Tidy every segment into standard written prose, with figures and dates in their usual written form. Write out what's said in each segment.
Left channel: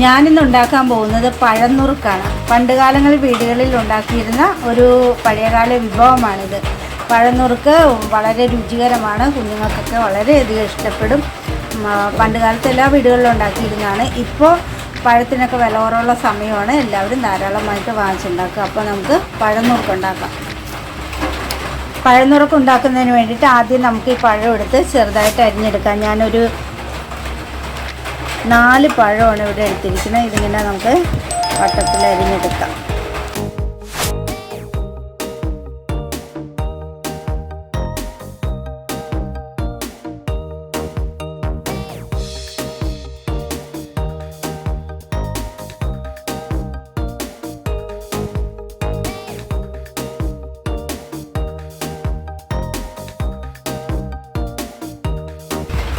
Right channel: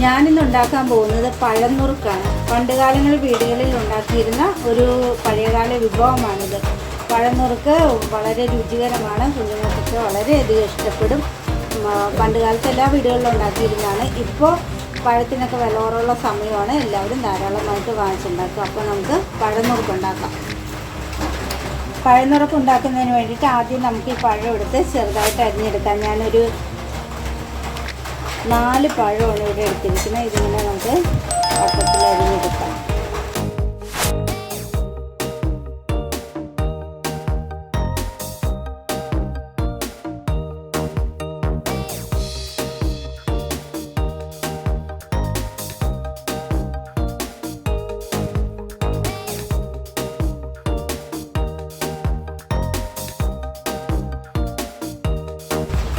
ഞാനിന്ന് ഉണ്ടാക്കാൻ പോകുന്നത് പഴനുറുക്കാണ്. പണ്ട് കാലങ്ങളിൽ വീടുകളിൽ ഉണ്ടാക്കിയിരുന്ന ഒരു പഴയകാല വിഭവമാണിത്. പഴനുറുക്ക് വളരെ രുചികരമാണ്, കുഞ്ഞുങ്ങൾക്കൊക്കെ വളരെയധികം ഇഷ്ടപ്പെടും. പണ്ട് കാലത്ത് എല്ലാ വീടുകളിലും ഉണ്ടാക്കിയിരുന്നതാണ്. ഇപ്പോൾ പഴത്തിനൊക്കെ വില കുറവുള്ള സമയമാണ്, എല്ലാവരും ധാരാളമായിട്ട് വാങ്ങിച്ചുണ്ടാക്കുക. അപ്പോൾ നമുക്ക് പഴനുറുക്ക് ഉണ്ടാക്കാം. പഴനുറുക്ക് ഉണ്ടാക്കുന്നതിന് വേണ്ടിയിട്ട് ആദ്യം നമുക്ക് ഈ പഴം എടുത്ത് ചെറുതായിട്ട് അരിഞ്ഞെടുക്കാം. ഞാനൊരു 4 പഴമാണ് ഇവിടെ എടുത്തിരിക്കുന്നത്. ഇതിങ്ങനെ നമുക്ക് വട്ടത്തിൽ അരിഞ്ഞെടുക്കാം.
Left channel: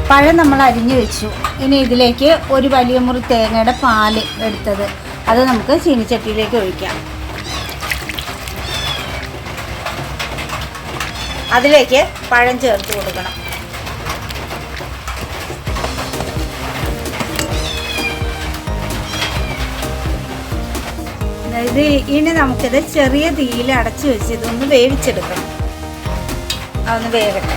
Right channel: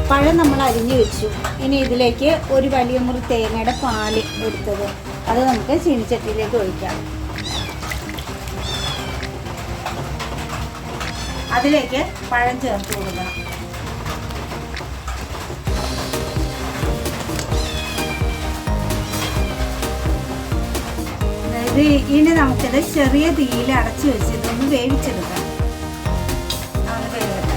പഴം നമ്മൾ അരിഞ്ഞു വെച്ചു. ഇനി ഇതിലേക്ക് ഒരു വലിയ മുറി തേങ്ങയുടെ പാല് എടുത്തത് അത് നമുക്ക് ചീനിച്ചട്ടിയിലേക്ക് ഒഴിക്കാം. അതിലേക്ക് പഴം ചേർത്ത് കൊടുക്കണം. അതായത് ഇനി നമുക്കിത് ചെറിയ തീയിൽ അടച്ചു വെച്ച് ഒന്ന് വേവിച്ചെടുക്കണം. അതൊന്ന് വേവട്ടെ.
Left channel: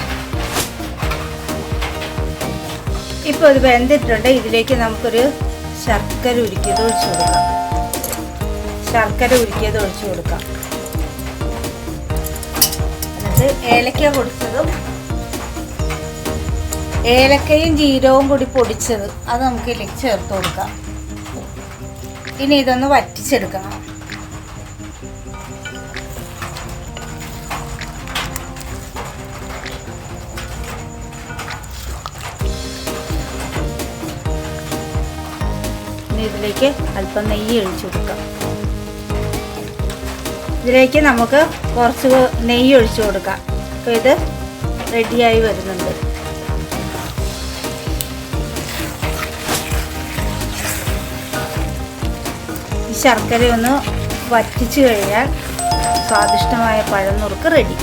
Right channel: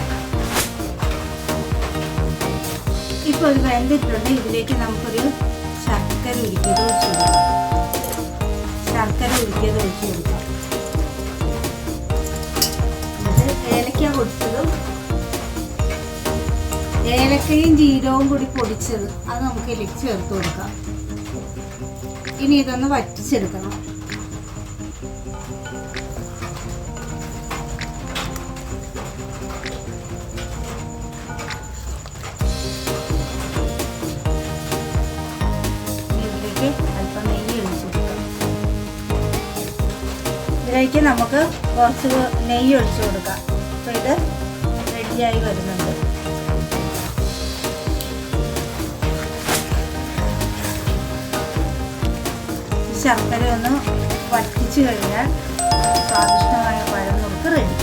ഇപ്പോൾ ഇത് വെന്തിട്ടുണ്ട്. ഇതിലേക്ക് നമുക്കൊരു ശർക്കര ഉരുക്കിയത് ഒഴിച്ചു കൊടുക്കാം. അത് ഏലക്ക പൊടിച്ചതും ഏലക്കയും ജീരകവും കൂടി പൊടിച്ചത് അത് നമുക്ക് ഇതിലേക്ക് ചേർത്ത് കൊടുക്കാം. ഇനി ഇതൊന്ന് വറ്റിച്ചെടുക്കണം. അല്പം നെയ്യ് ഒഴിച്ചു കൊടുക്കാം. ഇതിലേക്ക് നമുക്ക് കുറച്ച് നെയ്യ് ഒഴിച്ചു കൊടുക്കാം. അപ്പോൾ ഇത് റെഡിയായി വരുന്നുണ്ട്. ഈ ശർക്കര ഒന്ന് വറ്റിച്ചു കഴിഞ്ഞാൽ സ്വാദിഷ്ടമായ പഴനുറുക്ക് റെഡി.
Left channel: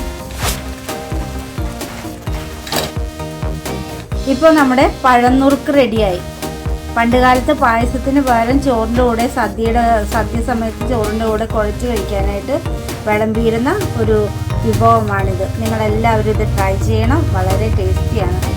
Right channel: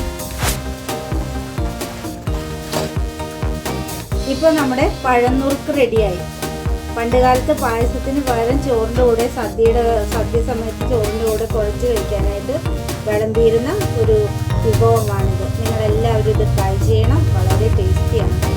ഇപ്പോൾ നമ്മുടെ പഴനുറുക്ക് റെഡിയായി. പണ്ട് കാലത്ത് പായസത്തിന് പകരം ചോറിൻ്റെ കൂടെ സദ്യ സമയത്ത് ചോറിൻ്റെ കൂടെ കുഴച്ച് കഴിക്കാനായിട്ട് വിളമ്പിയിരുന്ന ഒരു വിഭവമാണിത്. നിങ്ങളെല്ലാവരും ഇത് ട്രൈ ചെയ്യണം. വളരെ ടേസ്റ്റിയാണ്.